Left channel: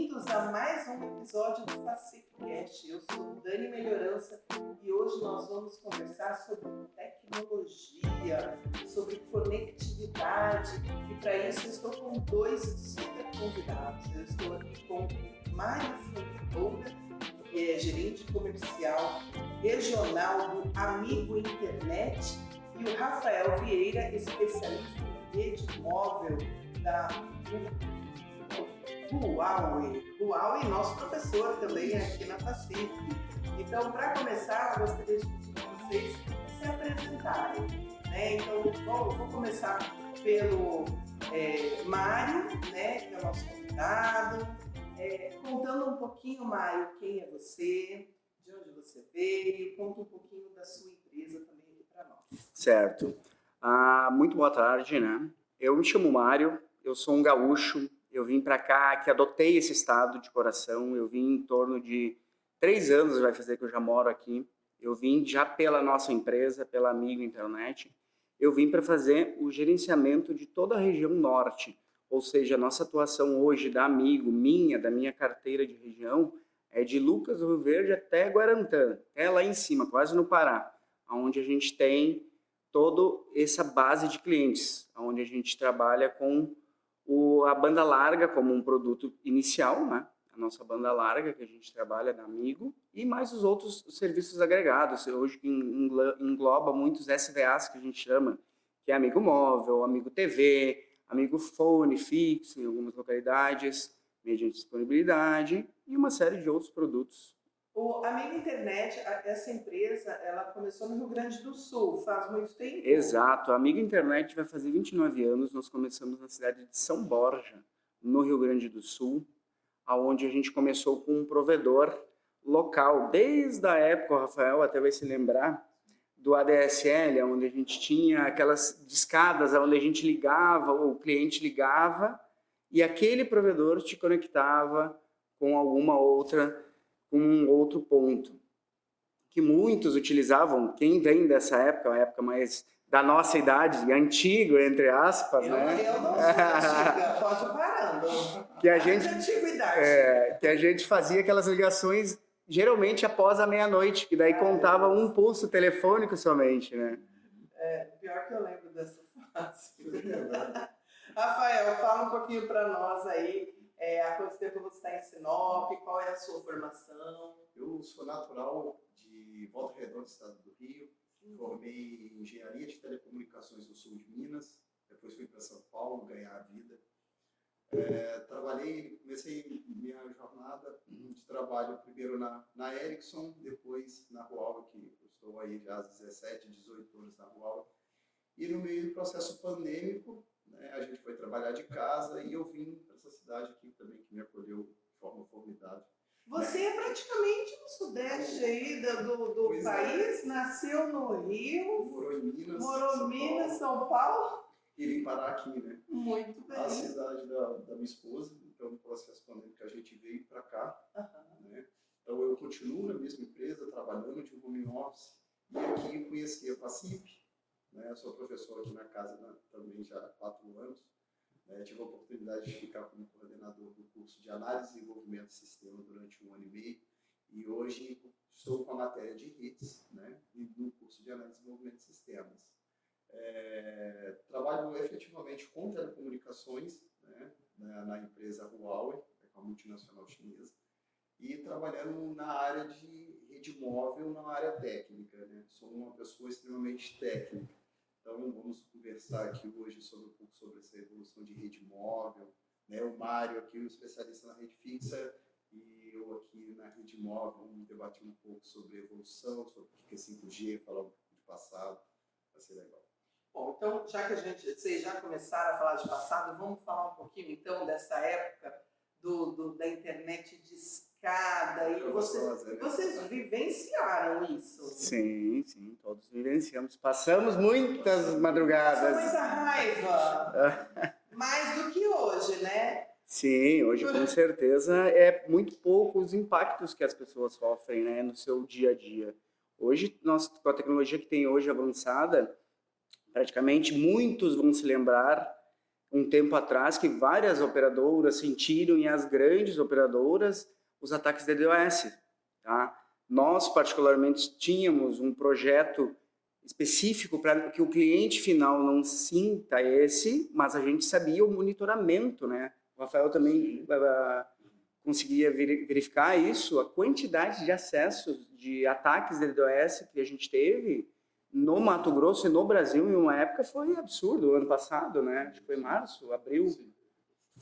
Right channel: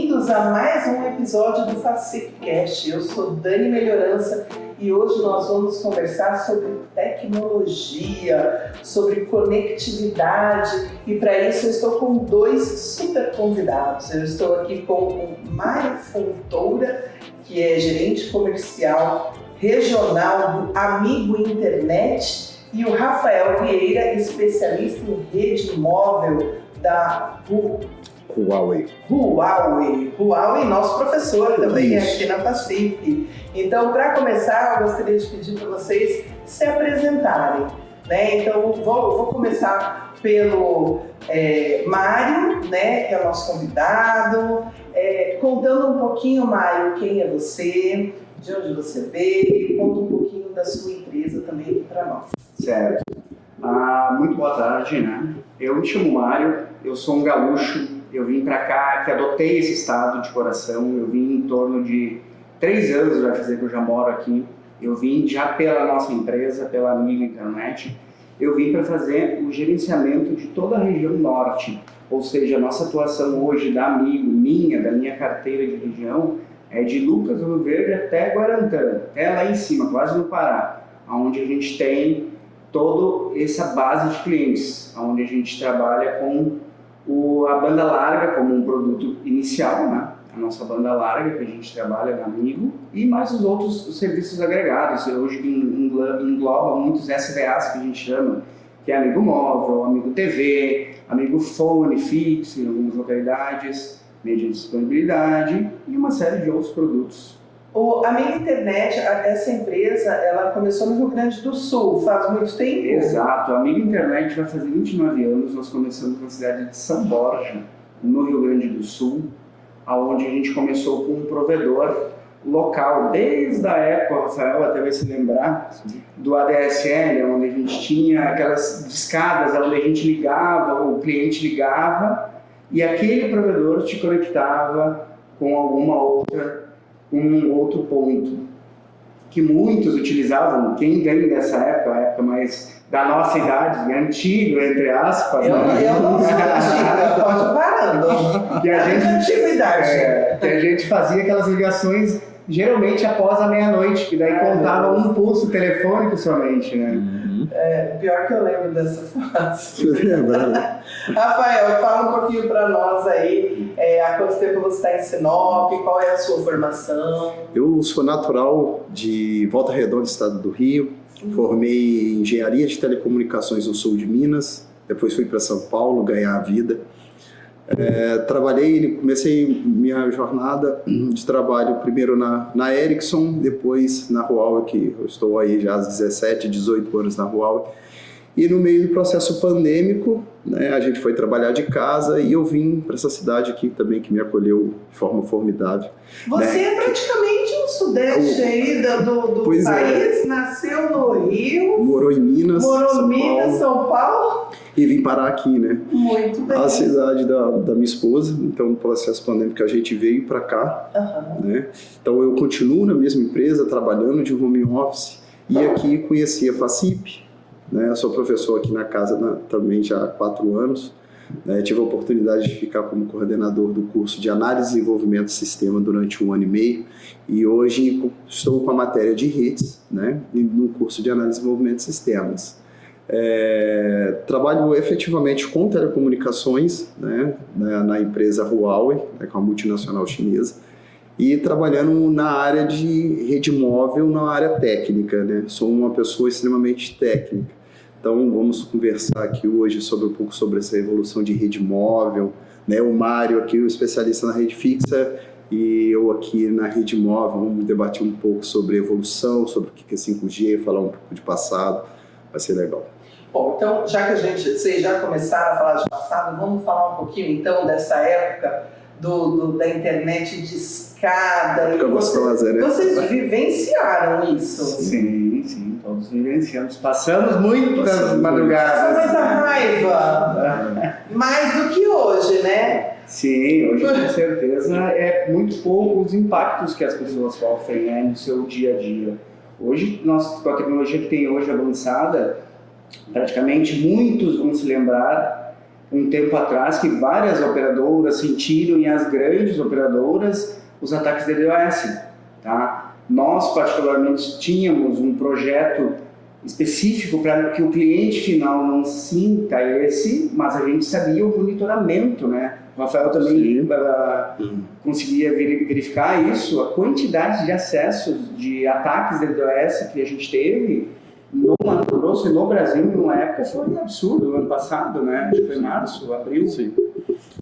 bem-vindos a mais um episódio do FACIPcast. Eu sou Dani Melhorança e hoje nós vamos conversar sobre tecnologia, sobre conectividade e para isso eu estou com dois super convidados. Eu estou aqui com o Mário Fontoura, que é gerente comercial regional do Amigo Internet, e o Rafael Vieira, especialista em rede móvel da Huawei, nosso professor também Isso. aqui na FACIP. Então, para começar, eu gostaria de pedir para vocês se apresentarem, né? Então, vou começar pelo Mário, né, que é o nosso convidado. Contando um pouquinho, Mário, quem é você, de onde você veio, conta um pouquinho da sua empresa também para nós. Certo. Muito boa tarde, né? Eu me chamo Mário, eu sou um gaúcho, eu vim para cá, que adotei esse estado de coração, eu vim em torno de 3 anos, vai fazer que eu já moro aqui. Eu vim já pela nossa empresa, pela Amigo Internet, eu vim para fazer o gerenciamento de toda a região norte, ou seja, a nossa atuação hoje da Amigo, da minha carteira de região, é de Lucas do Rio Verde até Guarantã, até lá em cima, quase no Pará, onde a gente tem toda essa base de clientes, onde a gente trabalha com a banda larga como um produto inicial, né? A nossa banda larga que a gente trabalha na Amigo e mais os outros serviços agregados. Hoje engloba muitos SVAs que a gente chama, que é Amigo Móvel, Amigo TV, Amigo Fone fixo em algumas localidades, mídia de disponibilidade e uma série de outros produtos. O Amigo Internet, essa empresa, ela começou no Rio Grande do Sul, faz muito tempo? Exato, a Amigo Internet vai fazer 29 anos, nós começamos na cidade de São Borja, no Rio Grande do Sul, onde a gente começou com um provedor local, desde a época, Rafael até vai se lembrar, do ADSL, onde a gente tinha aquelas discadas, onde a gente ligava, o cliente ligava, e aquele provedor te conectava com um outro ponto que muitos utilizavam, quem vem dessa época, a época mais da nossa idade, antigo, entre aspas. Eu não sou antiga, eu estou parando. Que a gente, antiguidade. Que a gente fazia aquelas ligações geralmente após a meia-noite, que daí contava um pulso telefônico somente, né? Pior que eu lembro dessa fase. Rafael, fala um pouquinho para nós aí, há quanto tempo você está em Sinop, qual é a sua formação? Eu sou natural de Volta Redonda, estado do Rio, formei em engenharia de telecomunicações no sul de Minas, depois fui para São Paulo ganhar a vida. Comecei minha jornada de trabalho primeiro na Ericsson, depois na Huawei, que eu estou aí já há 17, 18 anos na Huawei. E no meio do processo pandêmico, né, a gente foi trabalhar de casa e eu vim para essa cidade aqui também, que me acolheu de forma formidável. Você é praticamente um sudeste aí do país, nasceu no Rio, morou em Minas, São Paulo, e vim parar aqui, né? Muito bem. A cidade da minha esposa, então no processo pandêmico a gente veio para cá, né? Então eu continuo na mesma empresa, trabalhando de home office, e aqui conheci a FACIP, né? Eu sou professor aqui na casa também já há 4 anos, né? Tive a oportunidade de ficar como coordenador do curso de Análise e Desenvolvimento do Sistema durante 1 ano e meio, e hoje estou com a matéria de redes, né? No curso de Análise e Desenvolvimento de Sistemas. Trabalho efetivamente com telecomunicações, né, na empresa Huawei, né, que é uma multinacional chinesa, e trabalhando na área de rede móvel, na área técnica, né? Sou uma pessoa extremamente técnica. Então vamos conversar aqui hoje um pouco sobre essa evolução de rede móvel, né? O Mário aqui, o especialista na rede fixa, e eu aqui na rede móvel, vamos debater um pouco sobre evolução, sobre o que é 5G, falar um pouco de passado, vai ser legal. Bom, então, já que vocês já começaram a falar de passado, vamos falar um pouquinho então dessa época da internet de escada. Vocês vivenciaram isso? Sim, todos vivenciamos. Passamos muitas madrugadas. Mas a raiva, mais do que hoje, né? Sim, hoje com certeza é muito pouco os impactos que as pessoas sofrem no seu dia a dia. Hoje, com a tecnologia que tem hoje avançada, praticamente muitos vão se lembrar um tempo atrás que várias operadoras sentiram, e as grandes operadoras, os ataques de DDoS, tá? Nós, particularmente, tínhamos um projeto específico para que o cliente final não sinta esse, mas a gente sabia o monitoramento, né? O Rafael também conseguia verificar isso, a quantidade de acessos, de ataques de DDoS que a gente teve no Mato Grosso e no Brasil em uma época foi absurdo, no ano passado, né? Acho que foi março, abril. Sim.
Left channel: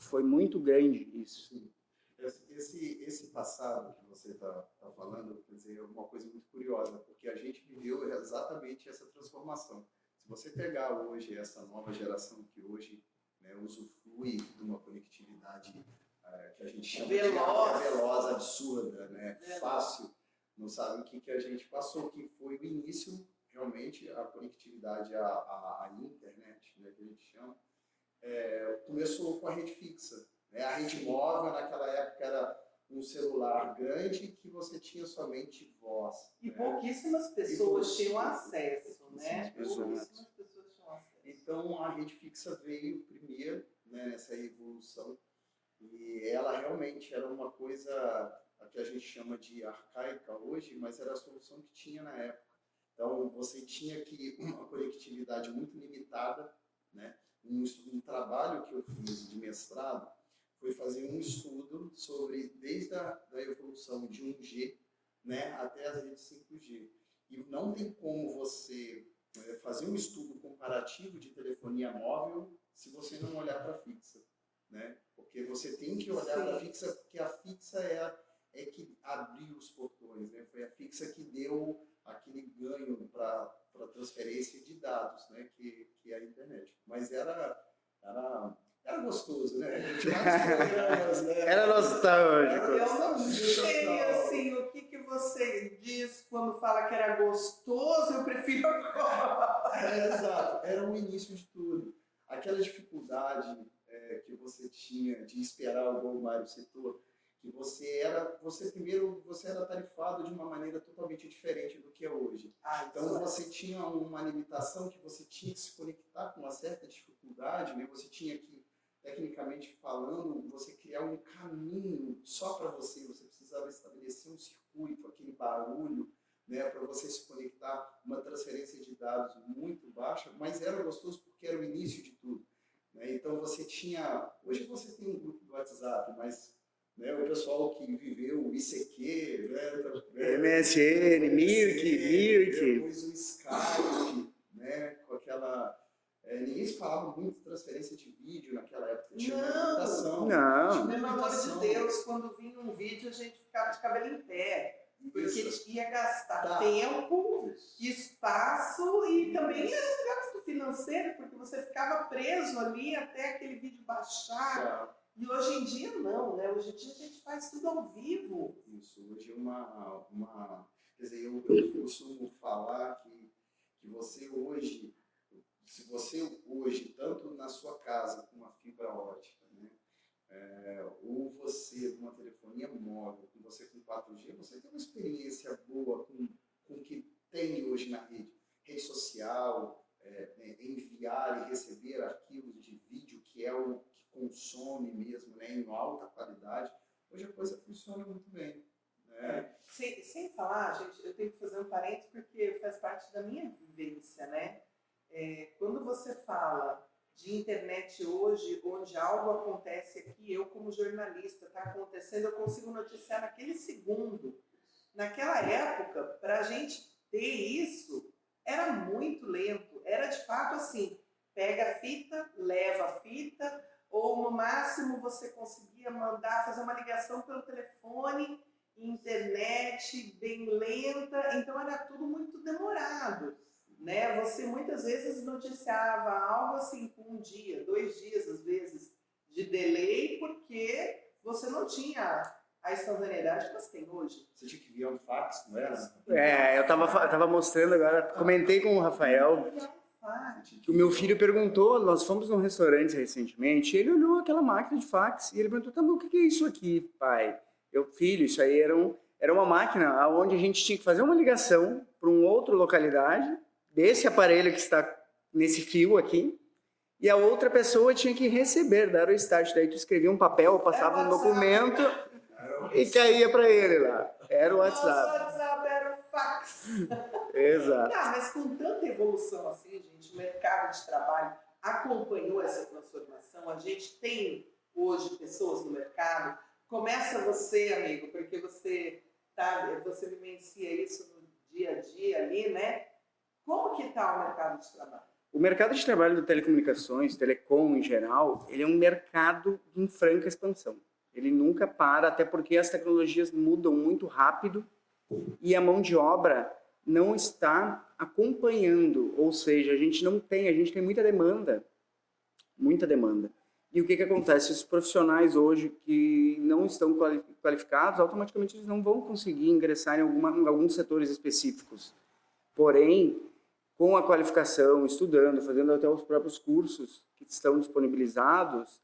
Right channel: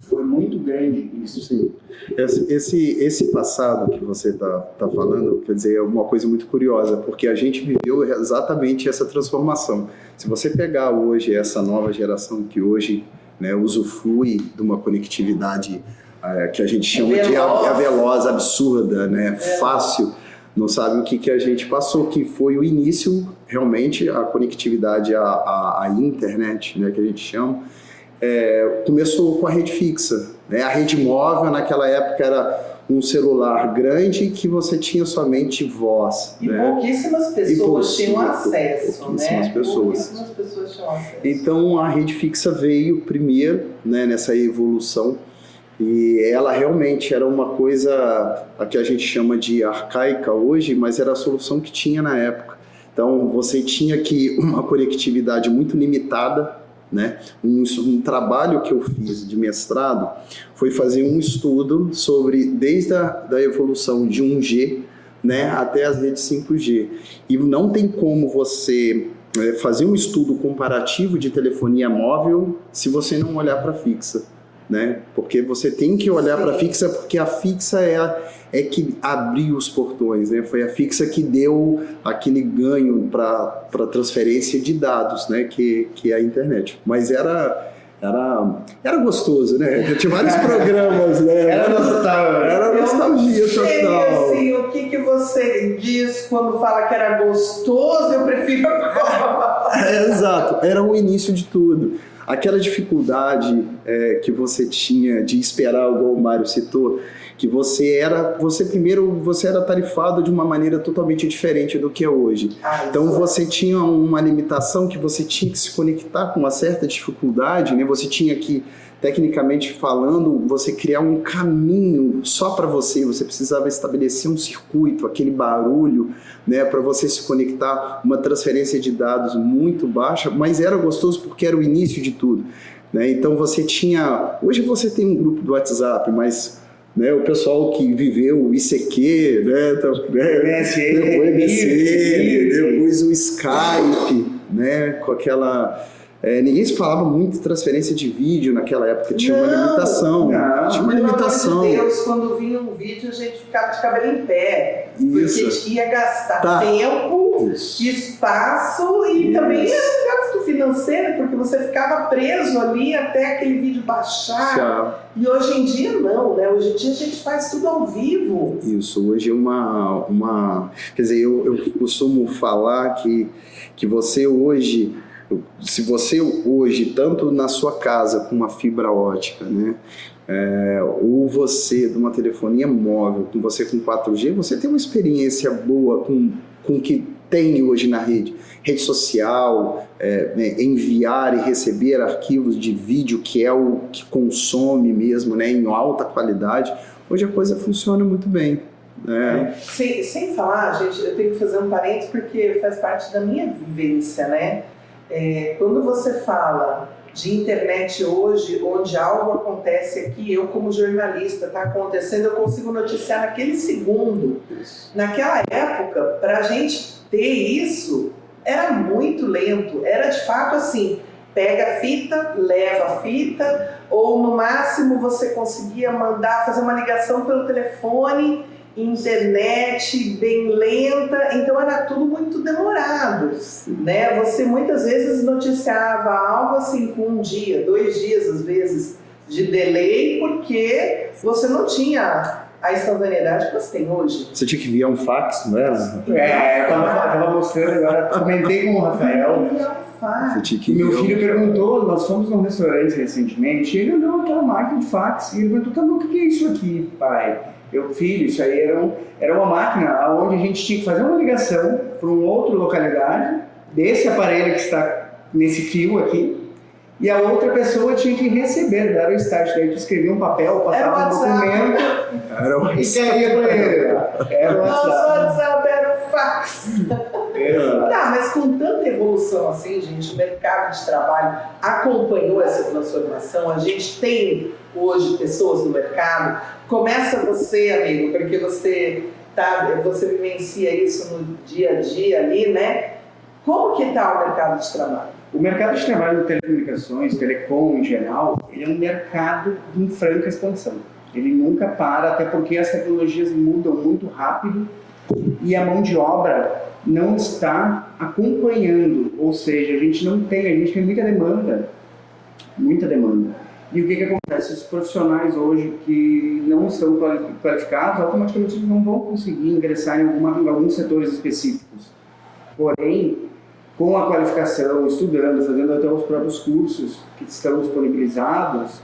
Foi muito grande isso. Sim. Esse passado que você está falando, quer dizer, é uma coisa muito curiosa, porque a gente viveu exatamente essa transformação. Se você pegar hoje essa nova geração que hoje, né, usufrui de uma conectividade que a gente chama de veloz, absurda, né, fácil, não sabe o que a gente passou, que foi o início, realmente, a conectividade à internet, né, que a gente chama, começou com a rede fixa, né? A rede móvel naquela época era um celular grande que você tinha somente voz. E né? pouquíssimas pessoas tinham acesso, pouquíssimas né? pessoas. Pouquíssimas pessoas tinham acesso. Então a rede fixa veio primeiro, né, nessa evolução, e ela realmente era uma coisa a que a gente chama de arcaica hoje, mas era a solução que tinha na época. Então você tinha que uma conectividade muito limitada, né? Um trabalho que eu fiz de mestrado foi fazer um estudo sobre desde da evolução de 1G, né, até as redes 5G. E não tem como você fazer um estudo comparativo de telefonia móvel se você não olhar para a fixa, né? Porque você tem que olhar para a fixa, porque a fixa é que abriu os portões, né? Foi a fixa que deu aquele ganho para transferência de dados, né? Que é a internet. Mas era gostoso, né? Tinha vários programas, né? Era nostalgia total. Assim, o que você diz quando fala que era gostoso, eu prefiro Exato, era o início de tudo. Aquela dificuldade que você tinha de esperar, igual o Mário citou, que você era tarifado de uma maneira totalmente diferente do que é hoje. Então você tinha uma limitação que você tinha que se conectar com uma certa dificuldade, né? Você tinha que, tecnicamente falando, você criar um caminho só para você precisava estabelecer um circuito, aquele barulho, né, para você se conectar, uma transferência de dados muito baixa, mas era gostoso porque era o início de tudo, né? Então você tinha, hoje você tem um grupo do WhatsApp, mas, né, o pessoal que viveu o ICQ, né, depois o Skype, né, com aquela... ninguém se falava muito de transferência de vídeo naquela época, tinha uma limitação. Tinha uma limitação. Pelo amor de Deus, quando vinha um vídeo a gente ficava de cabelo em pé, porque ia gastar tempo, espaço e também era um gasto financeiro, porque você ficava preso ali até aquele vídeo baixar. E hoje em dia não, né? Hoje em dia a gente faz tudo ao vivo. Isso, hoje é quer dizer, eu costumo falar que você hoje... Se você hoje, tanto na sua casa com uma fibra ótica, né, ou você de uma telefonia móvel, com você com 4G, você tem uma experiência boa com o que tem hoje na rede social, enviar e receber arquivos de vídeo, que é o que consome mesmo, né, em alta qualidade. Hoje a coisa funciona muito bem. Sem falar, gente, eu tenho que fazer um parênteses porque faz parte da minha vivência, né? Quando você fala de internet hoje, onde algo acontece aqui, eu como jornalista, está acontecendo, eu consigo noticiar naquele segundo. Naquela época, para a gente ter isso, era muito lento. Era de fato assim, pega a fita, leva a fita, ou no máximo você conseguia fazer uma ligação pelo telefone, internet bem lenta, então era tudo muito demorado, né? Você muitas vezes noticiava algo assim com 1 dia, 2 dias às vezes de delay, porque você não tinha a instantaneidade que você tem hoje. Você tinha que enviar um fax, não era? Eu tava mostrando agora, comentei com o Rafael. Meu filho perguntou, nós fomos num restaurante recentemente, e ele olhou aquela máquina de fax e ele perguntou, tá bom, o que é isso aqui, pai? Filho, isso aí era uma máquina onde a gente tinha que fazer uma ligação para uma outra localidade, desse aparelho que está nesse fio aqui, e a outra pessoa tinha que receber, dar o estágio. Daí tu escrevia um papel, passava um documento e caía para ele. Era o Nosso WhatsApp. WhatsApp era o fax. Exato. Tá, mas com tanta evolução assim, gente, o mercado de trabalho acompanhou essa transformação. A gente tem hoje pessoas no mercado. Começa você, amigo, porque você vivencia isso no dia a dia ali, né? Como que está o mercado de trabalho? O mercado de trabalho de telecomunicações, telecom em geral, ele é um mercado em franca expansão. Ele nunca para, até porque as tecnologias mudam muito rápido e a mão de obra não está acompanhando, ou seja, a gente tem muita demanda. E o que acontece? Os profissionais hoje que não estão qualificados, automaticamente eles não vão conseguir ingressar em alguns setores específicos. Porém, com a qualificação, estudando, fazendo até os próprios cursos que estão disponibilizados,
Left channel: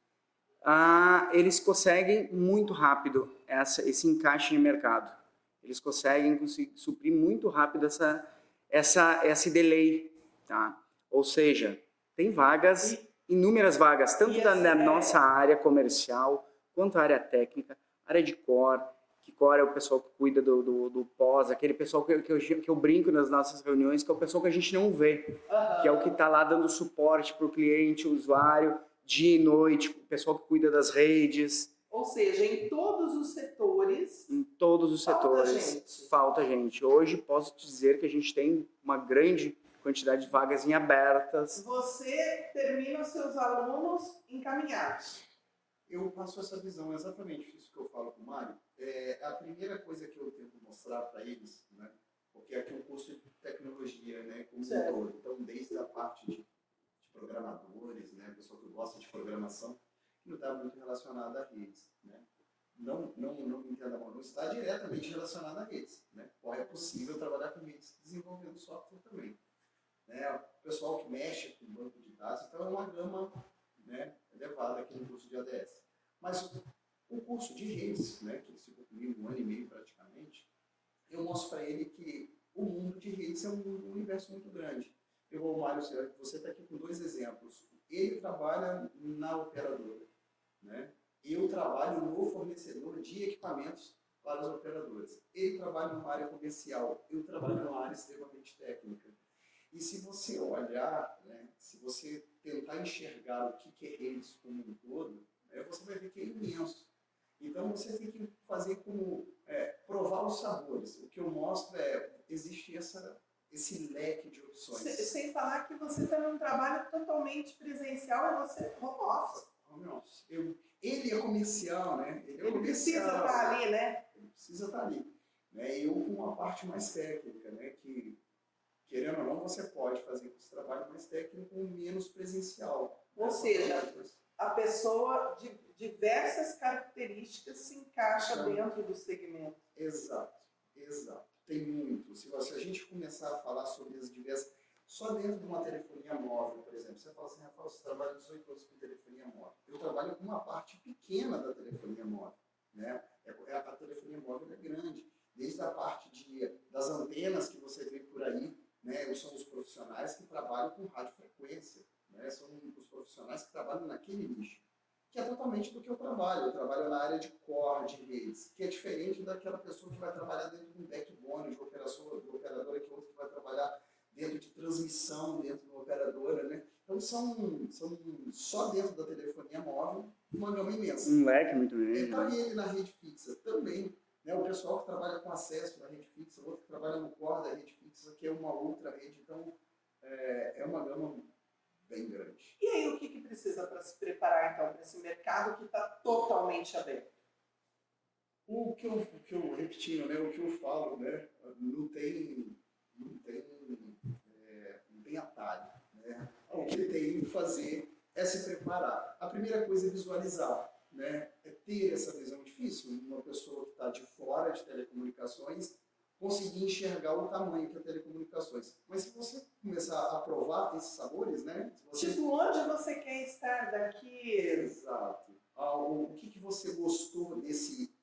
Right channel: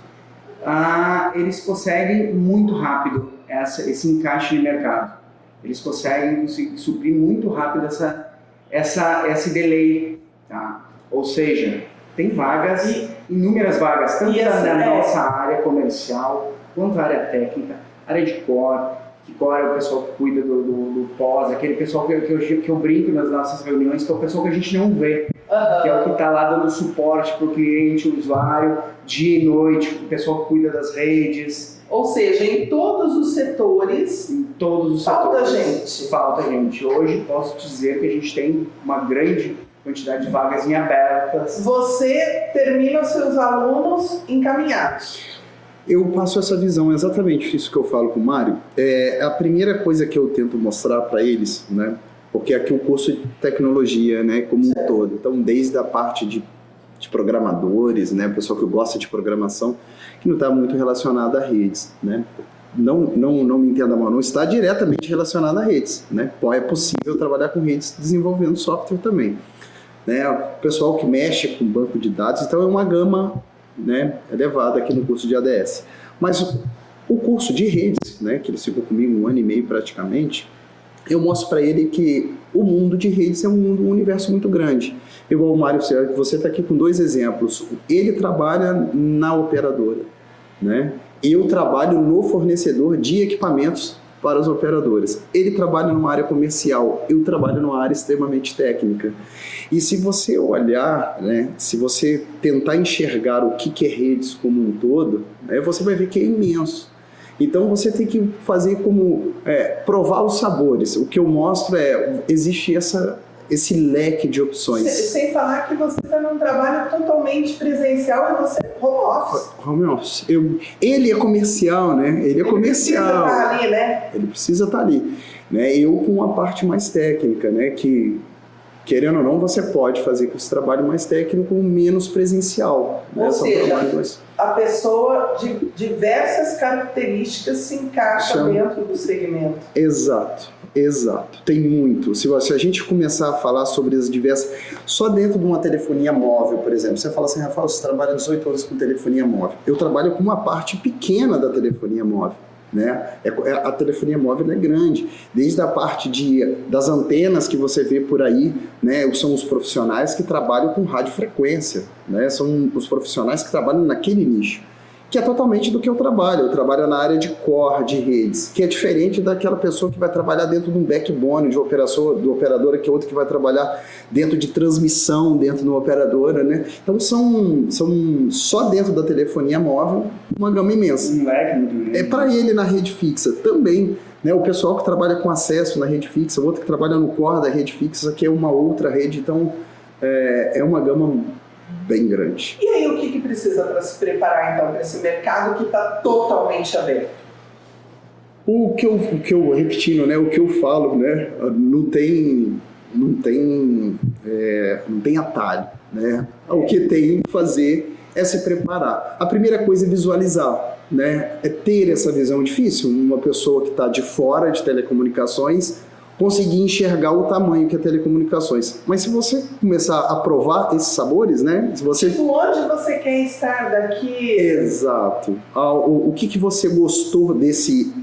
eles conseguem muito rápido esse encaixe de mercado. Eles conseguem suprir muito rápido esse delay, tá? Ou seja, tem vagas, inúmeras vagas, tanto na nossa área comercial, quanto na área técnica, área de core, que core é o pessoal que cuida do pós, aquele pessoal que eu brinco nas nossas reuniões, que é o pessoal que a gente não vê, que é o que está lá dando suporte para o cliente, o usuário, dia e noite, o pessoal que cuida das redes. Ou seja, em todos os setores, falta gente. Hoje posso dizer que a gente tem uma grande quantidade de vagas em abertas. Você termina os seus alunos encaminhados. Eu passo essa visão, exatamente isso que eu falo com o Mário. A primeira coisa que eu tento mostrar para eles, né? Porque aqui o curso de tecnologia, né, como um todo. Então, desde a parte de programadores, né, pessoal que gosta de programação, que não está muito relacionado a redes, né? Não me entenda mal, não está diretamente relacionado a redes, né? É possível trabalhar com redes desenvolvendo software também, né? O pessoal que mexe com banco de dados, então é uma gama, né, elevada aqui no curso de ADS. Mas o curso de redes, né, que ele ficou comigo 1 ano e meio praticamente, eu mostro para ele que o mundo de redes é um universo muito grande. Igual o Mário, você está aqui com 2 exemplos. Ele trabalha na operadora, né? Eu trabalho no fornecedor de equipamentos para as operadoras. Ele trabalha numa área comercial, eu trabalho numa área extremamente técnica. E se você olhar, né, se você tentar enxergar o que é redes como um todo, né, você vai ver que é imenso. Então você tem que fazer como provar os sabores. O que eu mostro existe esse leque de opções. Sem falar que você está num trabalho totalmente presencial e você é home office. Home office. Ele é comercial, né? Ele precisa estar ali, né? Ele precisa estar ali. Né? Eu com a parte mais técnica, né? Que, querendo ou não, você pode fazer com esse trabalho mais técnico menos presencial. Ou seja, a pessoa de diversas características se encaixa dentro do segmento. Exato. Tem muito. Se a gente começar a falar sobre as diversas... Só dentro de uma telefonia móvel, por exemplo, você fala assim, Rafael, você trabalha 18 horas com telefonia móvel. Eu trabalho com uma parte pequena da telefonia móvel. Né? A telefonia móvel é grande, desde a parte das antenas que você vê por aí, né? São os profissionais que trabalham com radiofrequência, né? São os profissionais que trabalham naquele nicho, que é totalmente do que eu trabalho na área de core, de redes, que é diferente daquela pessoa que vai trabalhar dentro de um backbone do operadora, que é outro que vai trabalhar dentro de transmissão, dentro de uma operadora, né? Então são só dentro da telefonia móvel uma gama imensa. É para ele na rede fixa também, né? O pessoal que trabalha com acesso na rede fixa, o outro que trabalha no core da rede fixa, que é uma outra rede, então é uma gama bem grande. E aí, o que precisa para se preparar, então, para esse mercado que está totalmente aberto? O que eu repetindo, né? O que eu falo, né? Não tem atalho, né? O que tem que fazer é se preparar. A primeira coisa é visualizar, né? É ter essa visão. Difícil uma pessoa que está de fora de telecomunicações conseguir enxergar o tamanho que é telecomunicações. Mas se você começar a provar esses sabores, né? Se você... Tipo, onde você quer estar daqui? Exato. O que você gostou desse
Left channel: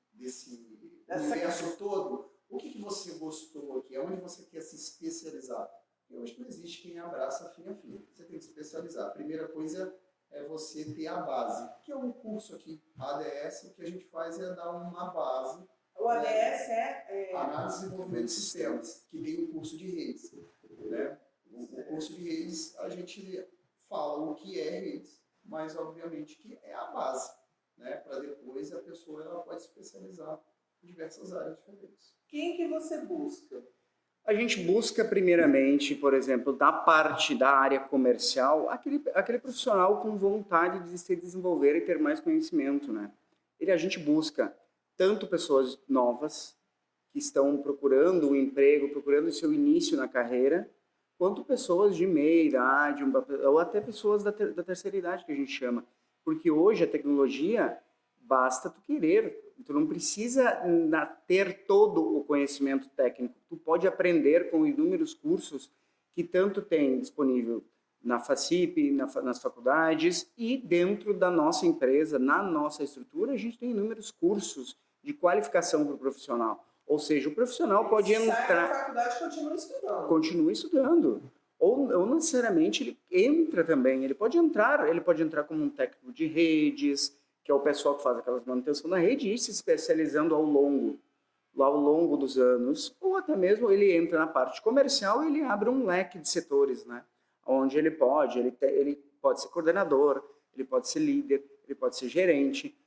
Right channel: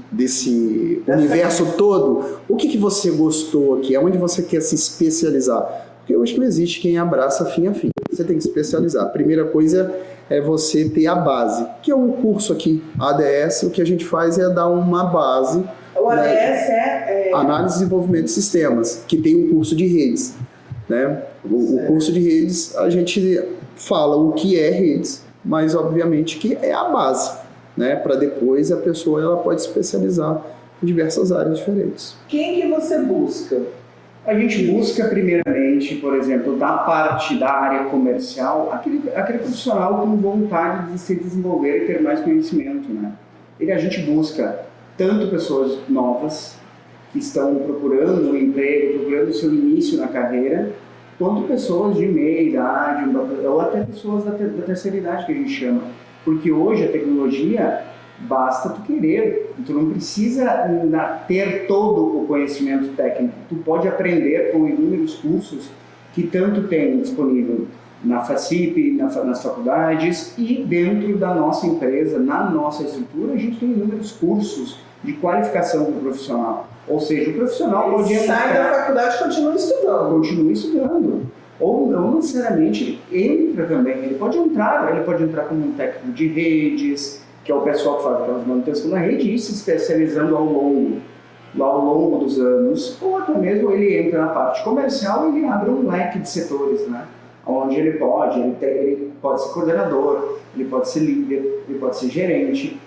universo todo? O que você gostou aqui? Aonde você quer se especializar? Porque eu acho que não existe quem abraça fim a fim. você tem que especializar. A primeira coisa é você ter a base, que é um curso aqui, ADS, o que a gente faz é dar uma base. O ADS, né? Análise e Desenvolvimento de Sistemas, que tem um curso de redes. Né? O curso de redes, a gente fala o que é redes, mas obviamente que é a base, né? Para depois a pessoa ela pode especializar em diversas áreas diferentes. Quem que você busca? A gente busca primeiramente, por exemplo, da parte da área comercial, aquele profissional com vontade de se desenvolver e ter mais conhecimento, né? A gente busca tanto pessoas novas que estão procurando um emprego, procurando o seu início na carreira, quanto pessoas de meia idade, ou até pessoas da terceira idade, que a gente chama. Porque hoje a tecnologia, basta tu querer, tu não precisa ter todo o conhecimento técnico, tu pode aprender com inúmeros cursos que tanto tem disponível na FACIP, nas faculdades e dentro da nossa empresa, na nossa estrutura, a gente tem inúmeros cursos de qualificação do profissional. Ou seja, o profissional pode entrar... Sai da faculdade e continua estudando. Continua estudando. Ou não necessariamente entra também. Ele pode entrar como um técnico de redes, que é o pessoal que faz aquelas manutenções na rede, e se especializando ao longo dos anos. Ou até mesmo ele entra na parte comercial e ele abre um leque de setores, né? Onde ele pode ser coordenador, ele pode ser líder, ele pode ser gerente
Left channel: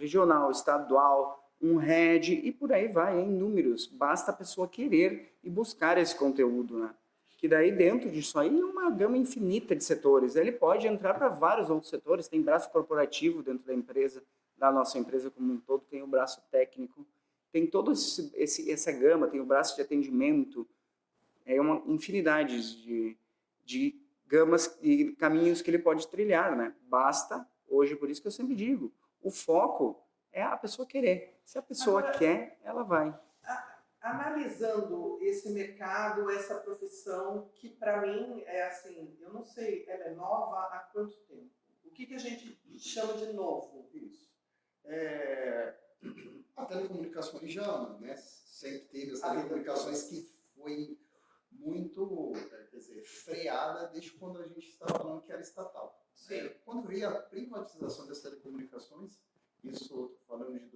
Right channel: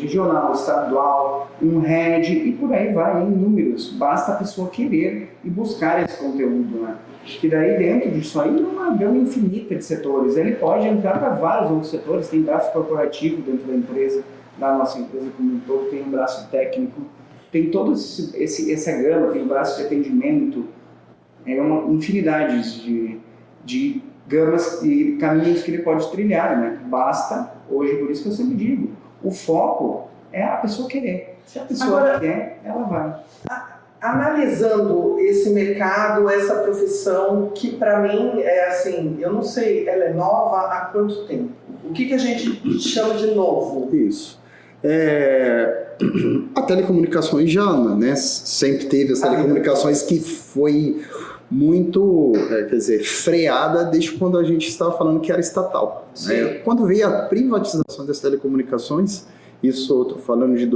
regional, estadual, um head e por aí vai, em números. Basta a pessoa querer e buscar esse conteúdo, né? Que daí dentro disso aí, uma gama infinita de setores. Ele pode entrar para vários outros setores, tem braço corporativo dentro da empresa, da nossa empresa como um todo, tem um braço técnico, tem toda essa gama, tem um braço de atendimento, é uma infinidade de gamas e caminhos que ele pode trilhar, né? Basta, hoje, por isso que eu sempre digo, o foco é a pessoa querer. Se a pessoa quer, ela vai. Analisando esse mercado, essa profissão, que para mim é assim, eu não sei, ela é nova há quanto tempo? O que a gente chama de novo? Isso. A telecomunicações já, né? Sempre teve as telecomunicações que foi muito, freada desde quando a gente estava falando que era estatal. Né? Quando veio a privatização das telecomunicações, isso eu estou falando de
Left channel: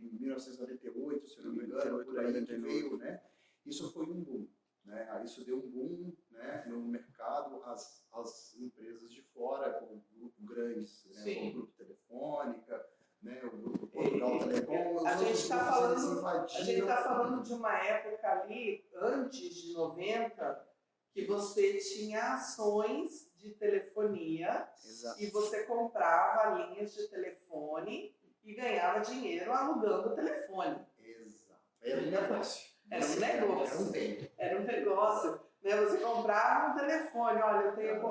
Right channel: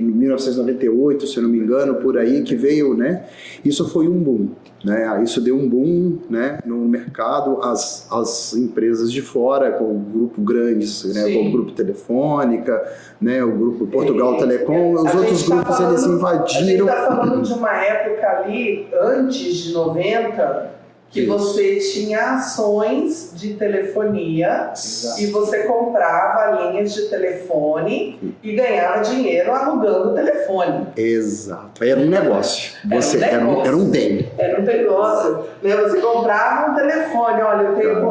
1998, se eu não me engano, por aí, que veio, né? Isso foi um boom, né? Isso deu um boom, né, no mercado, as empresas de fora, com o grupo grandes, né, com o grupo Telefônica, né, o grupo Portugal Telecom, os outros grupos eles invadiram. A gente está falando de uma época ali, antes de 90, que você tinha ações de telefonia. Exato. E você comprava linhas de telefone e ganhava dinheiro alugando o telefone. Exato, era um negócio. Era um bem. Era um negócio. Você comprava um telefone, olha,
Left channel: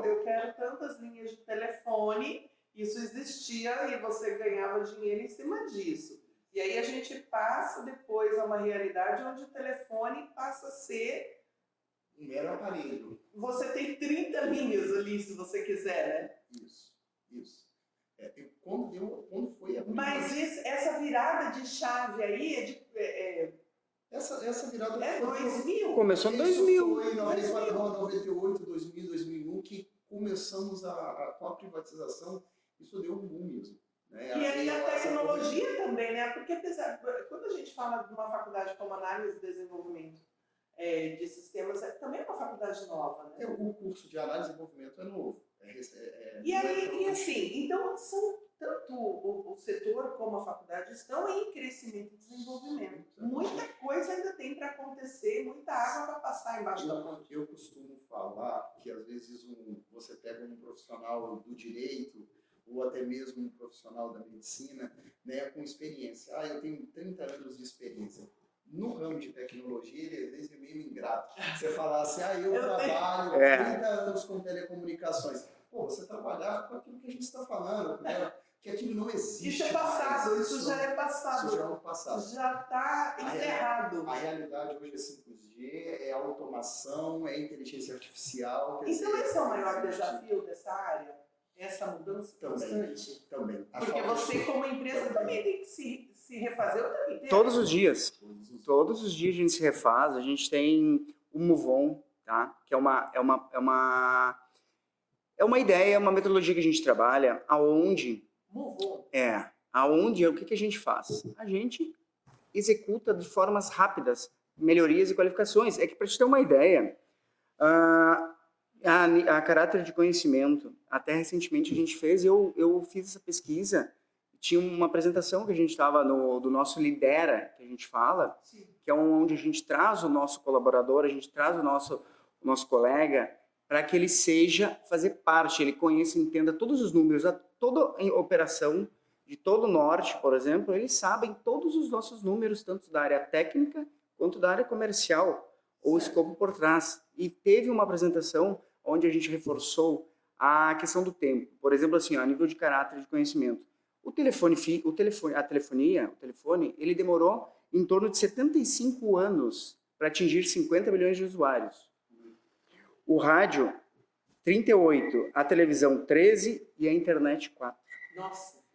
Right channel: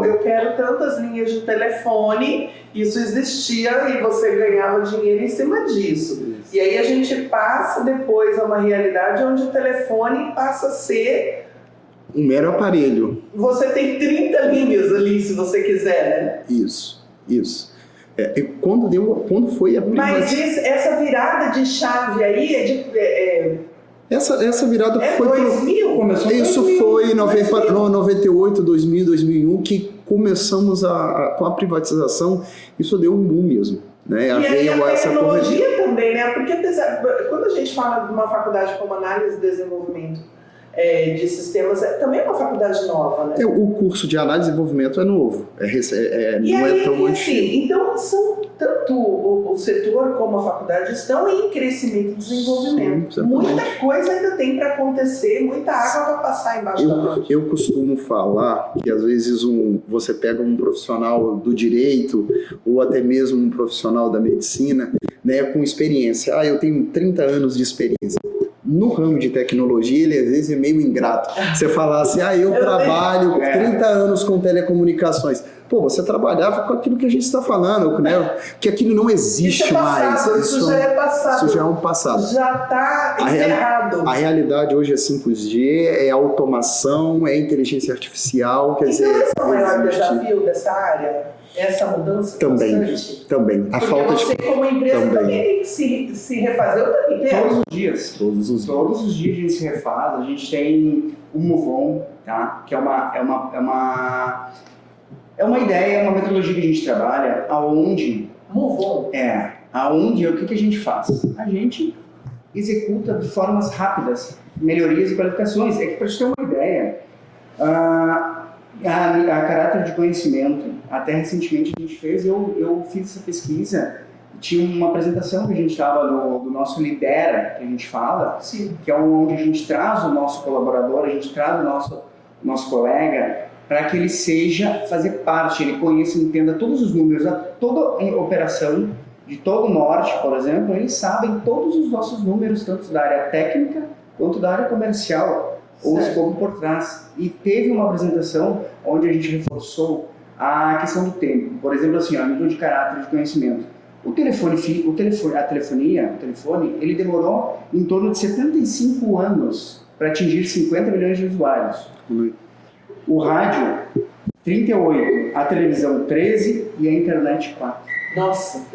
eu quero tantas linhas de telefone, isso existia e você ganhava dinheiro em cima disso. Isso. E aí a gente passa depois a uma realidade onde o telefone passa a ser um mero aparelho. Você tem 30 linhas ali, se você quiser, né? Isso. Quando foi a primeira... Mas essa virada de chave aí Essa virada foi... 2000? Começou isso 2000, foi em 98, 2000, 2001, que começamos com a privatização. Isso deu um boom mesmo. Né? E aí a tecnologia também, né? Porque quando a gente fala de uma faculdade como Análise e Desenvolvimento de Sistemas, também é uma faculdade nova, né? O curso de Análise e Desenvolvimento é novo, não é tão antigo. Então, tanto o setor como a faculdade estão em crescimento e desenvolvimento. Sim, muita coisa ainda tem para acontecer, muita água vai passar embaixo da ponte. Eu costumo falar que às vezes você pega um profissional do direito ou até mesmo um profissional da medicina, né, com experiência. Eu tenho 30 anos de experiência. No ramo de tecnologia, ele às vezes é meio ingrato. Você fala assim, eu trabalho 30 anos com telecomunicações. Pô, você trabalhava com aquilo que a gente está falando, né? Que aquilo não existe isso é passado, mais. Isso já é passado. Isso já é um passado. Já está enterrado. A realidade hoje é 5G, é automação, é inteligência artificial. Quer dizer, esse é o maior desafio dessa área? essa mudança Também, constante? também. A Porque falta você, de... como empresa, também. também tem que se refazer o tempo inteiro. Todos os dias. Todos os dias. Todos os dias a gente se refaz, a gente tem o Move On, tá? Que é uma ideia, uma metodologia que a gente trabalha, aonde Move on. o que a gente faz? A gente executa de formas rápidas melhorias e qualificações. É que para você ter uma ideia, a caráter de conhecimento, até recentemente a gente fez, eu fiz essa pesquisa, tinha uma apresentação que a gente estava do nosso Lidera, que a gente fala, Sim. que é onde a gente traz o nosso colaborador, a gente traz o nosso colega, para que ele fazer parte, ele conheça e entenda todos os números, toda a operação de todo o norte, por exemplo, eles sabem todos os nossos números, tanto da área técnica quanto da área comercial, ou o escopo por trás. E teve uma apresentação onde a gente reforçou a questão do tempo. Por exemplo, assim, a nível de caráter de conhecimento. O telefone, ele demorou em torno de 75 anos para atingir 50 milhões de usuários. O rádio, 38, a televisão, 13 e a internet, 4. Nossa.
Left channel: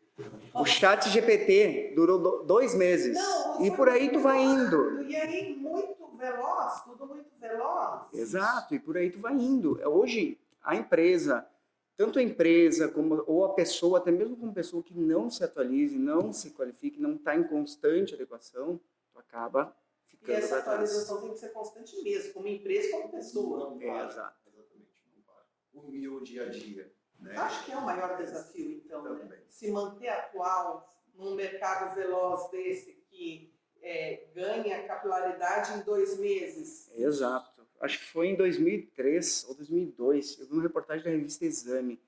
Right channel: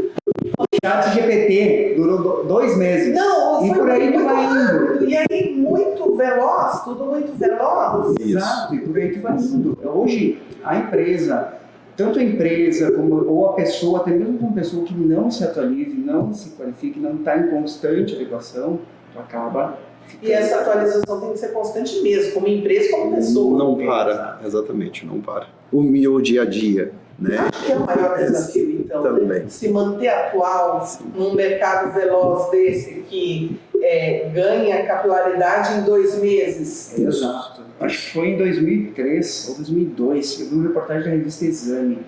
O chat GPT durou 2 meses. Não, e foi por aí tu muito vai indo. rápido. E aí, muito veloz, tudo muito veloz. Exato, e por aí tu vai indo. Hoje, a empresa, tanto a empresa ou a pessoa, até mesmo uma pessoa que não se atualize, não se qualifique, não está em constante adequação, tu acaba ficando. E essa atualização tem que ser constante mesmo, como empresa, como pessoa. Não para, exatamente, não para. O meu dia a dia, né? Acho que é o maior desafio, então, Também. né? Se manter atual num mercado veloz desse que ganha capilaridade em 2 meses. Exato. Acho que foi em 2003 ou 2002, eu vi uma reportagem da revista Exame,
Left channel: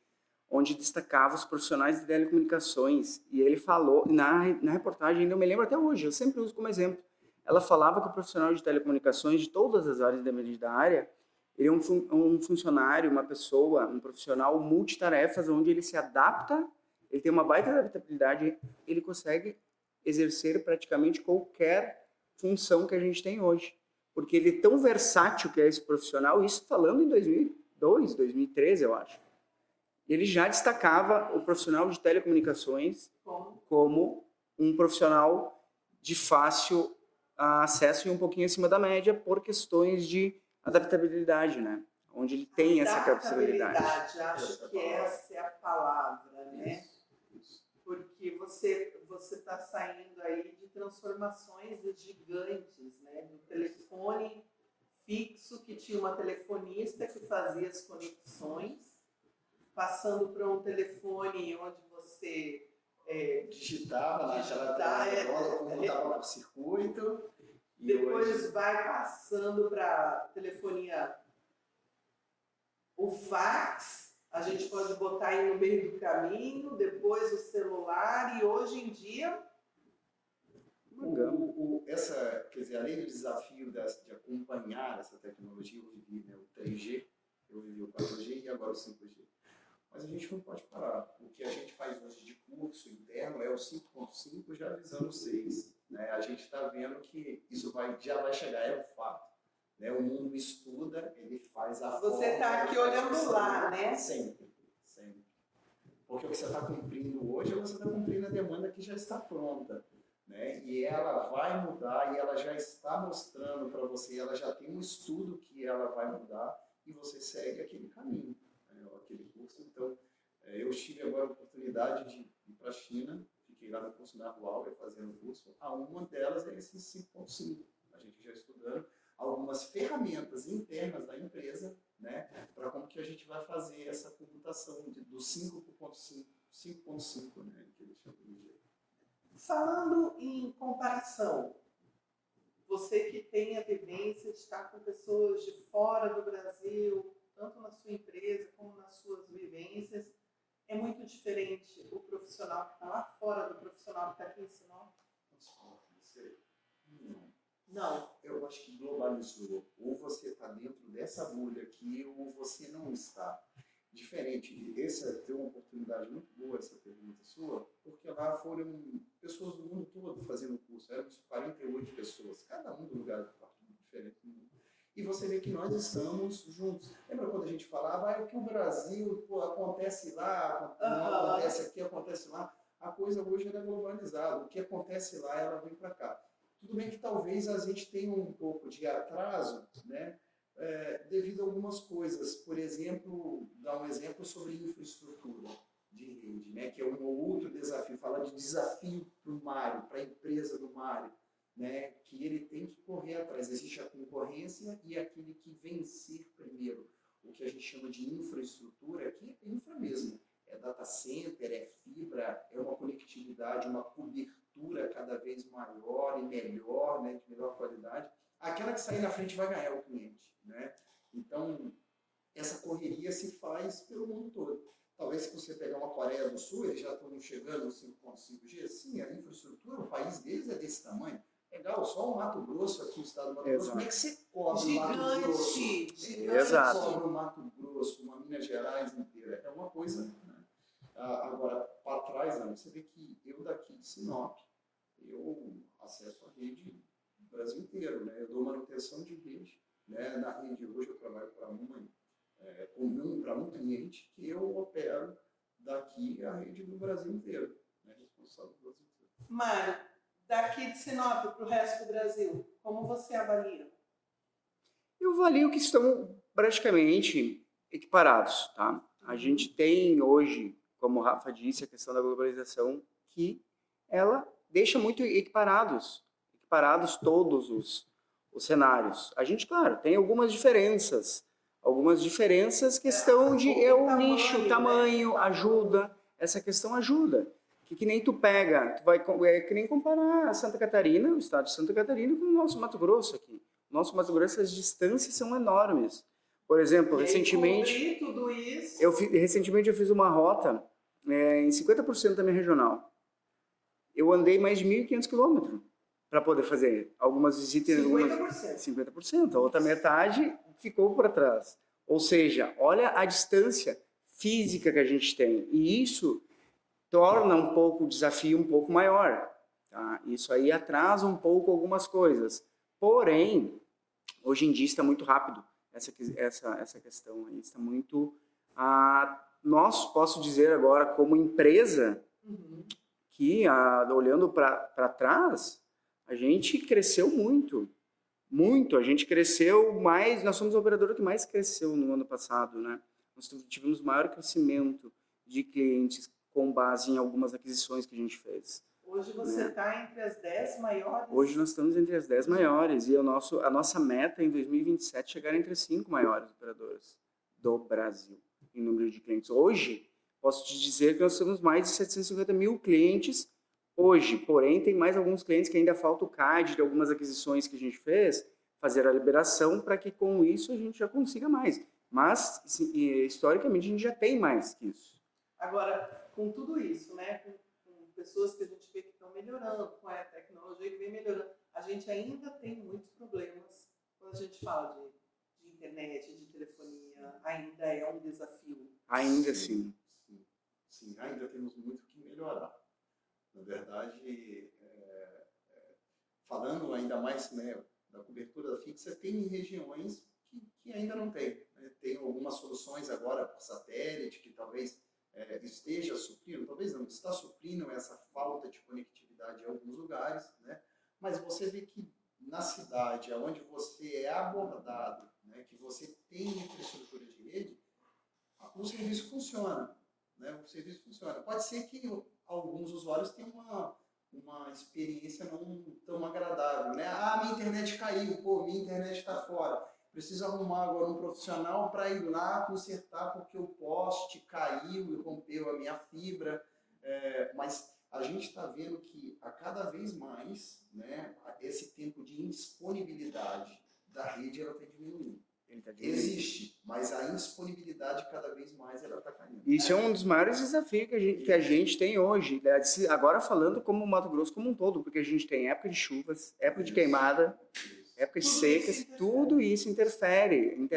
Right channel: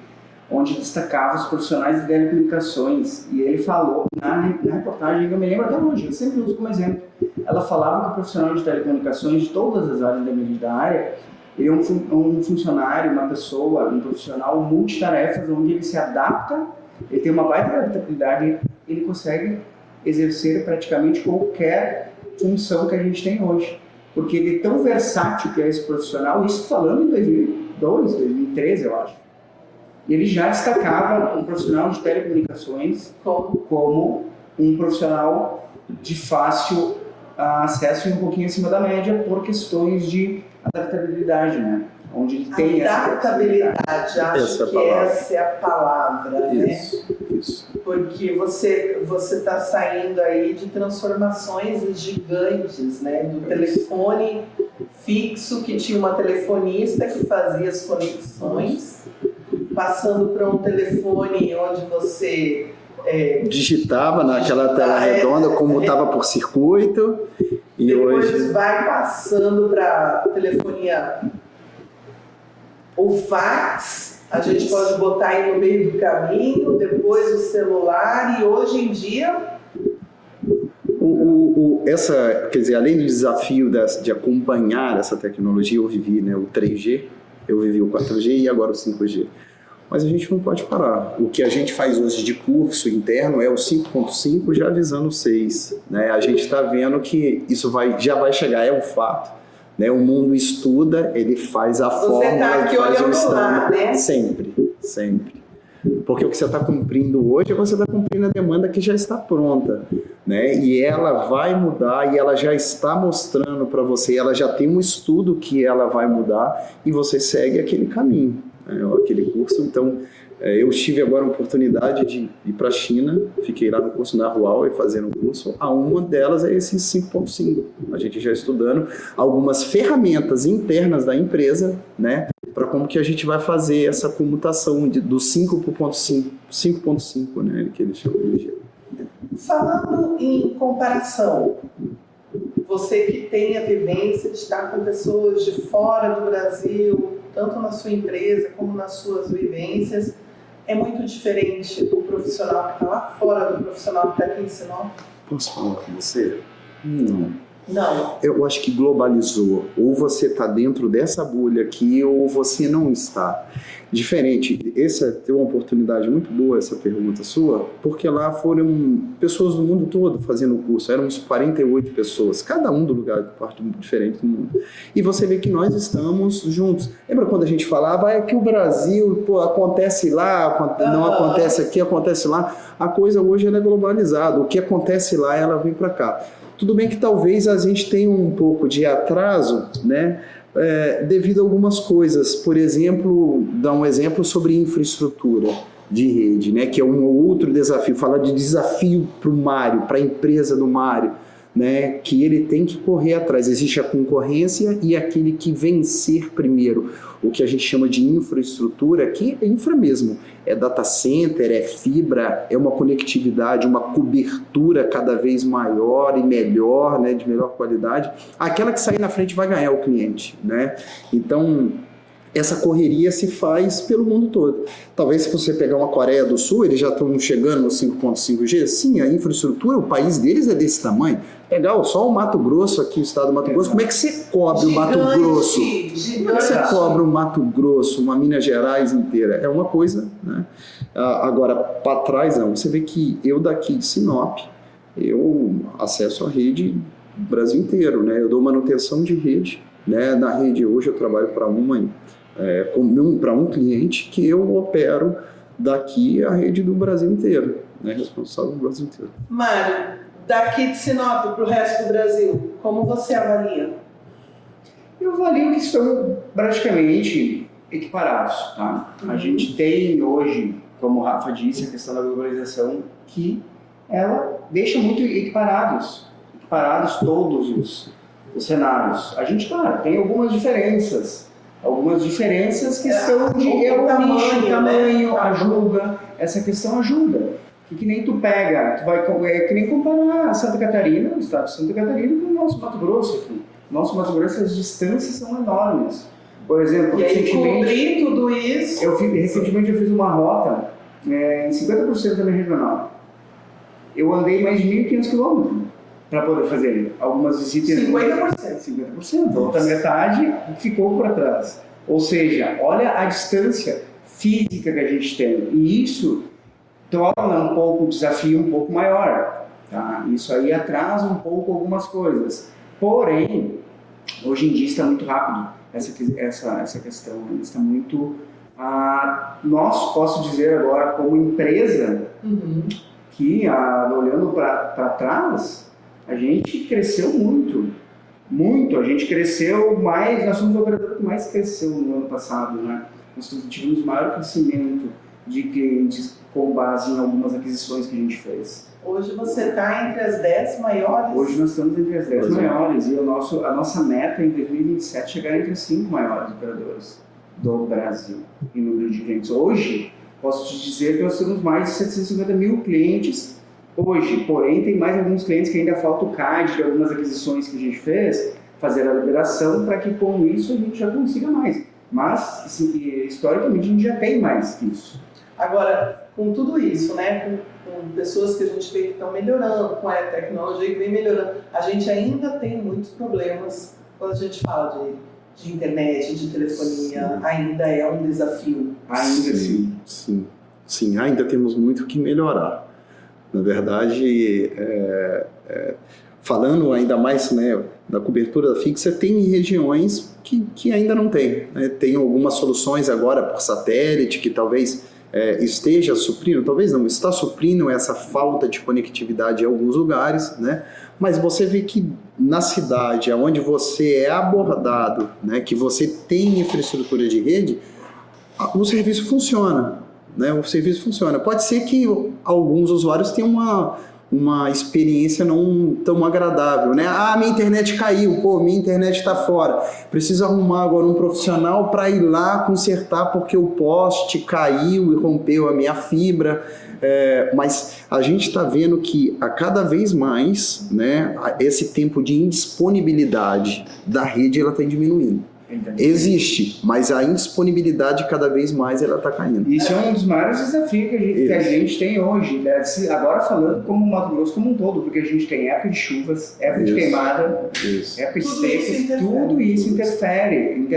onde destacava os profissionais de telecomunicações. E ele falou, na reportagem, eu me lembro até hoje, eu sempre uso como exemplo, ela falava que o profissional de telecomunicações de todas as áreas da área, ele é um funcionário, uma pessoa, um profissional multitarefas, onde ele se adapta, ele tem uma baita adaptabilidade, ele consegue exercer praticamente qualquer função que a gente tem hoje. Porque ele é tão versátil que é esse profissional, isso falando em 2002, 2013, eu acho. Ele já destacava um profissional de telecomunicações como um profissional de fácil acesso e um pouquinho acima da média por questões de adaptabilidade, né? Onde ele tem essa adaptabilidade, acho que essa é a palavra, isso, né? Isso. Porque você está saindo aí de transformações gigantes, né? Do telefone fixo, que tinha uma telefonista que fazia as conexões, passando para um telefone onde você digitava naquela tela redonda, como estava por circuito, e depois hoje vai passando para telefonia. O fax, a gente pode botar aí no meio do caminho, depois o celular, e hoje em dia... Quer dizer, além do desafio de acompanhar essa tecnologia, eu vivi, né, o 3G, eu vivi o 4G e agora o 5G. Mas a gente não pode parar. O que a gente faz hoje de curso interno é o 5.5 já avisando o 6. Né? A gente está vendo que isso já vai chegar, é um fato. Né? O mundo estuda, ele faz a fórmula, tá aqui faz o olhando lá, né? Sempre, sempre. Porque o que você está cumprindo hoje, você está cumprindo a demanda que já está pronta. Né? E ela vai mudar, e ela já está mostrando para você, ela já tem um estudo que ela vai mudar, e você segue aquele caminho. Aquele curso. Então, eu tive agora a oportunidade de ir para a China, fiquei lá no curso da Huawei fazendo um curso. Uma delas é esse 5.5. A gente já estudando algumas ferramentas internas da empresa, né, para como que a gente vai fazer essa comutação do 5 para o 5.5, né, que eles chamam de. Falando em comparação, você que tem a vivência de estar com pessoas de fora do Brasil, tanto na sua empresa como nas suas vivências, é muito diferente o profissional que está lá fora do profissional que está aqui em Sinop? Posso falar com você? Não. Não. Eu acho que globalizou. Ou você está dentro dessa bolha aqui, ou você não está. Diferente. Essa é uma oportunidade muito boa, essa pergunta sua, porque lá foram pessoas do mundo todo fazendo o curso. Éramos 48 pessoas, cada um do lugar, parte diferente do mundo. E você vê que nós estamos juntos. Lembra quando a gente falava que o Brasil, pô, acontece lá, não acontece aqui, acontece lá. A coisa hoje ela é globalizada. O que acontece lá, ela vem para cá. Tudo bem que talvez a gente tenha um pouco de atraso, né? Devido a algumas coisas. Por exemplo, dar um exemplo sobre infraestrutura de rede, né? Que é um outro desafio. Falar de desafio para o Mário, para a empresa do Mário, né? Que ele tem que correr atrás. Existe a concorrência e aquele que vencer primeiro. O que a gente chama de infraestrutura, que é infra mesmo. É data center, é fibra, é uma conectividade, uma cobertura cada vez maior e melhor, né, de melhor qualidade. Aquela que sair na frente vai ganhar o cliente, né? Então, essa correria se faz pelo mundo todo. Talvez se você pegar uma Coreia do Sul, eles já estão chegando no 5.5G. Sim, a infraestrutura, o país deles é desse tamanho. Legal, só o Mato Grosso aqui, o estado do Mato Grosso. Como é que você cobre o Mato Grosso? Como é que você cobre o Mato Grosso, uma Minas Gerais inteira? É uma coisa, né? Agora, para trás, não. Você vê que eu daqui de Sinop, eu acesso a rede do Brasil inteiro, né? Eu dou manutenção de rede, né? Na rede hoje eu trabalho para um cliente que eu opero daqui a rede do Brasil inteiro, né? Responsável do Brasil inteiro. Mário, daqui de Sinop para o resto do Brasil, como você avalia? Eu avalio que estão praticamente equiparados, tá? A gente tem hoje, como o Rafa disse, a questão da globalização, que ela deixa muito equiparados todos os cenários. A gente, claro, tem algumas diferenças que são de tamanho, ajuda, essa questão ajuda. Que nem tu pega, que nem comparar Santa Catarina, o estado de Santa Catarina, com o nosso Mato Grosso aqui. Nosso Mato Grosso, as distâncias são enormes. Por exemplo, recentemente eu fiz uma rota em 50% da minha regional. Eu andei mais de 1.500 quilômetros para poder fazer algumas visitas. 50%. A outra metade ficou para trás. Ou seja, olha a distância física que a gente tem. E isso torna um pouco o desafio um pouco maior. Tá? Isso aí atrasa um pouco algumas coisas. Porém, hoje em dia está muito rápido essa questão. Está muito... nós, posso dizer agora, como empresa, que olhando para trás, a gente cresceu muito. A gente cresceu mais, nós somos o operador que mais cresceu no ano passado, né? Nós tivemos maior crescimento de clientes com base em algumas aquisições que a gente fez. Hoje você está entre as 10 maiores? Hoje nós estamos entre as 10 maiores e a nossa meta em 2027 é chegar entre as 5 maiores operadores do Brasil em número de clientes. Hoje, posso te dizer que nós temos mais de 750 mil clientes hoje, porém tem mais alguns clientes que ainda falta o CAD de algumas aquisições que a gente fez, fazer a liberação para que com isso a gente já consiga mais. Mas, assim, historicamente, a gente já tem mais que isso. Agora, com tudo isso, né, com pessoas que a gente vê que estão melhorando, com a tecnologia que vem melhorando, a gente ainda tem muitos problemas quando a gente fala de internet, de telefonia, ainda é um desafio. Ainda Sim, ainda temos muito que melhorar. Na verdade, falando ainda mais, né, da cobertura fixa, tem regiões que ainda não tem, né? Tem algumas soluções agora por satélite que talvez esteja suprindo, talvez não, está suprindo essa falta de conectividade em alguns lugares, né? Mas você vê que na cidade, onde você é abordado, né, que você tem infraestrutura de rede, o serviço funciona. Né, o serviço funciona. Pode ser que alguns usuários tenham uma experiência não tão agradável, né? Minha internet caiu, minha internet está fora. Preciso arrumar agora um profissional para ir lá consertar porque o poste caiu e rompeu a minha fibra. Mas a gente está vendo que a cada vez mais, né, esse tempo de indisponibilidade da rede ela está diminuindo. Existe, mas a indisponibilidade cada vez mais ela está caindo. Isso é um dos maiores desafios que a gente tem hoje, né? Agora falando como Mato Grosso como um todo, porque a gente tem época de chuvas, época de queimada, época de secas, tudo isso interfere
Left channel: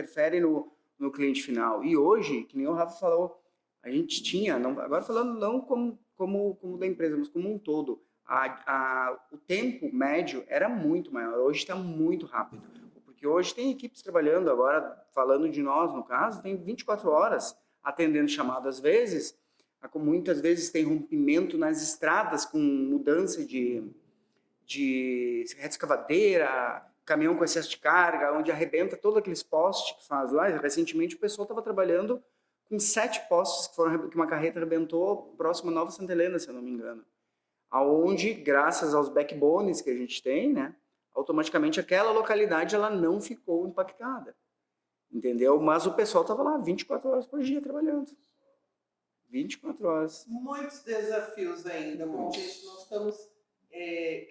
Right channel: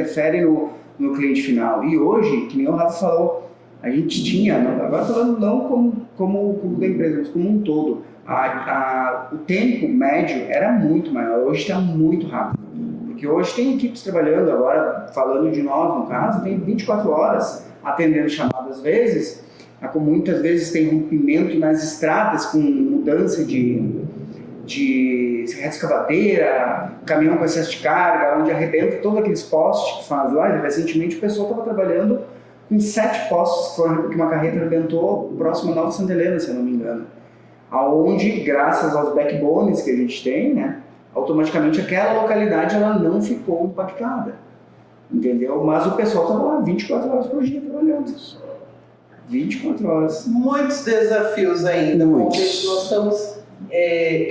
no cliente final. E hoje, que nem o Rafa falou, a gente tinha, agora falando não como da empresa, mas como um todo, o tempo médio era muito maior, hoje está muito rápido. Porque hoje tem equipes trabalhando, agora falando de nós no caso, tem 24 horas atendendo chamadas, às vezes, muitas vezes tem rompimento nas estradas com mudança de escavadeira, caminhão com excesso de carga, onde arrebenta todos aqueles postes que faz lá. Recentemente o pessoal estava trabalhando com 7 postes que uma carreta arrebentou próximo a Nova Santa Helena, se eu não me engano. Aonde, graças aos backbones que a gente tem, né, automaticamente aquela localidade ela não ficou impactada, entendeu? Mas o pessoal estava lá 24 horas por dia trabalhando. 24 horas. Muitos desafios ainda. Muitos. Nós estamos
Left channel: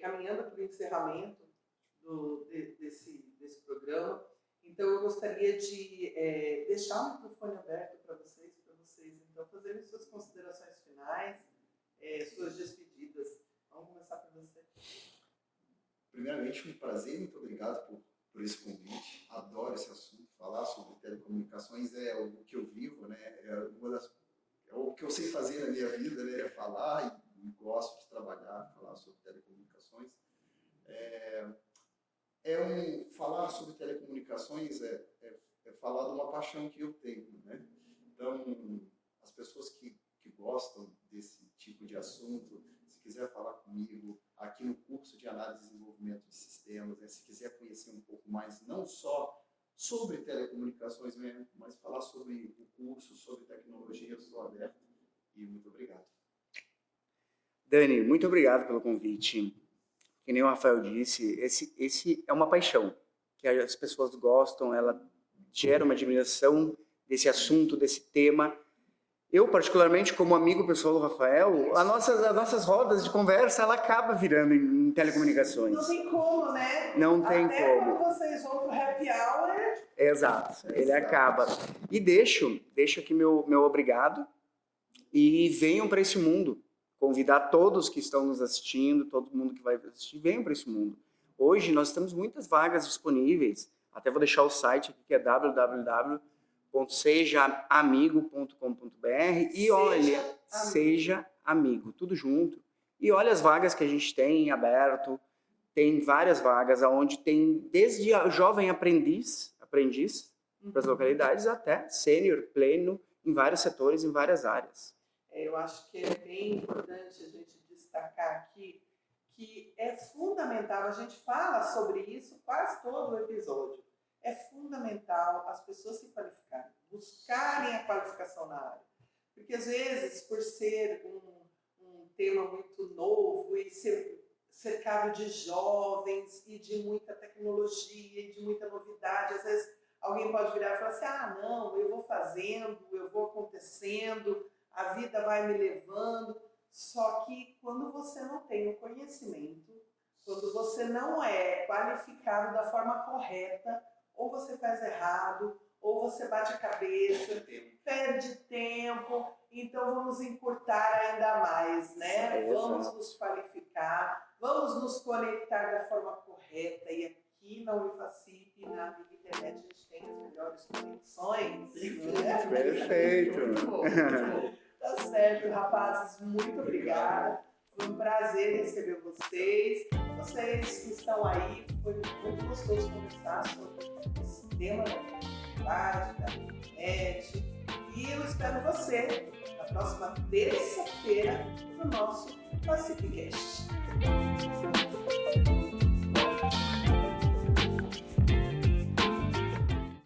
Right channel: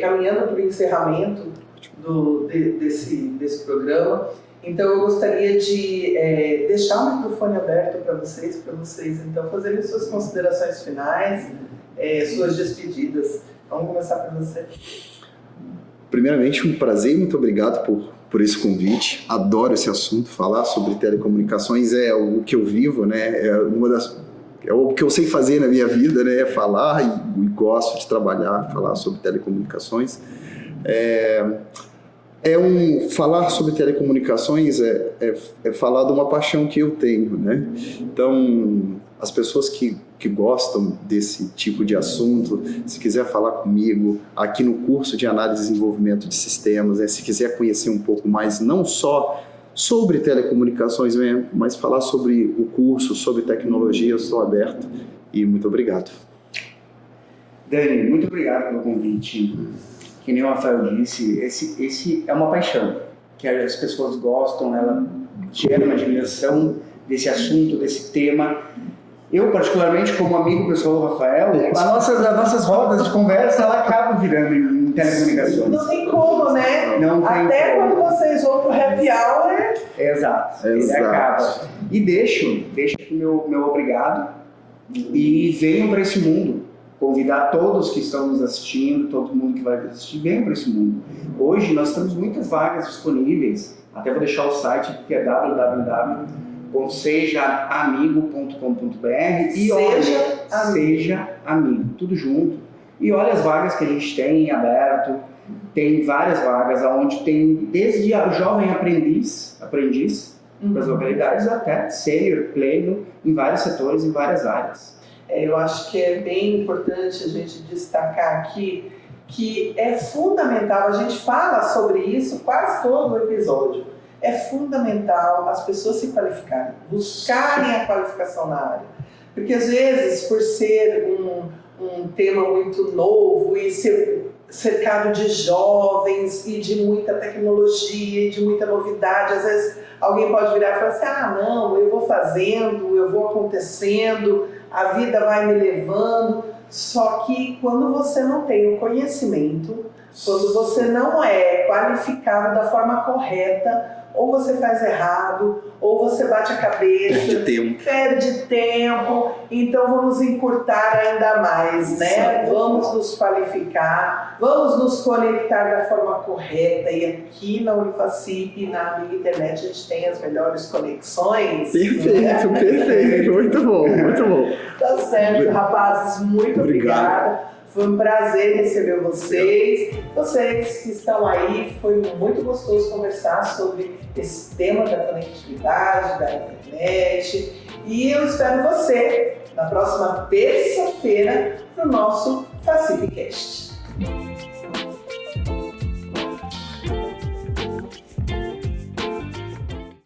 caminhando para o encerramento desse programa. Então eu gostaria de deixar o microfone aberto para vocês então fazerem suas considerações finais, suas despedidas. Vamos começar por você. Primeiramente, um prazer, muito obrigado por esse convite. Adoro esse assunto, falar sobre telecomunicações é o que eu vivo, né? É o que eu sei fazer na minha vida, né? É falar e gosto de trabalhar, falar sobre telecomunicações. Falar sobre telecomunicações é falar de uma paixão que eu tenho, né? Então, as pessoas que gostam desse tipo de assunto, se quiser falar comigo aqui no curso de análise e desenvolvimento de sistemas, se quiser conhecer um pouco mais, não só sobre telecomunicações, mas falar sobre o curso, sobre tecnologia, eu estou aberto e muito obrigado. Dani, muito obrigado pelo convite. Que nem o Rafael disse, esse é uma paixão, que as pessoas gostam, ela gera uma admiração desse assunto, desse tema. Eu, particularmente, como amigo pessoal do Rafael, as nossas rodas de conversa, ela acaba virando em telecomunicações. Não tem como, né? Não tem Até como. quando vocês vão pro happy hour. Exato. Ele acaba. E deixo aqui meu obrigado e venham para esse mundo. Convidar todos que estão nos assistindo, todo mundo que vai assistir, venham para esse mundo. Hoje nós temos muitas vagas disponíveis, até vou deixar o site que é www.sejaamigo.com.br e olha, Seja Amigo, tudo junto. E olha as vagas que a gente tem em aberto, tem várias vagas, onde tem desde a jovem aprendiz para as localidades, até sênior, pleno, em vários setores, em várias áreas. Eu acho que é bem importante a gente destacar aqui que é fundamental, a gente fala sobre isso quase todo o episódio, é fundamental as pessoas se qualificarem, buscarem a qualificação na área. Porque às vezes, por ser um tema muito novo e ser cercado de jovens e de muita tecnologia e de muita novidade, às vezes alguém pode virar e falar assim, não, eu vou fazendo, eu vou acontecendo, a vida vai me levando. Só que quando você não tem o conhecimento, quando você não é qualificado da forma correta, ou você faz errado, ou você bate a cabeça, perde tempo. Então vamos encurtar ainda mais, né? Vamos nos qualificar, vamos nos conectar da forma correta. E aqui na Unifacip, na Amiga Internet, a gente tem as melhores conexões. Perfeito, perfeito. Muito bom, muito bom. Tá certo, rapazes, muito obrigada. Foi um prazer receber vocês. Vocês que estão aí, foi muito gostoso conversar sobre esse tema da conectividade, da internet. E eu espero você na próxima terça-feira no nosso Facipcast.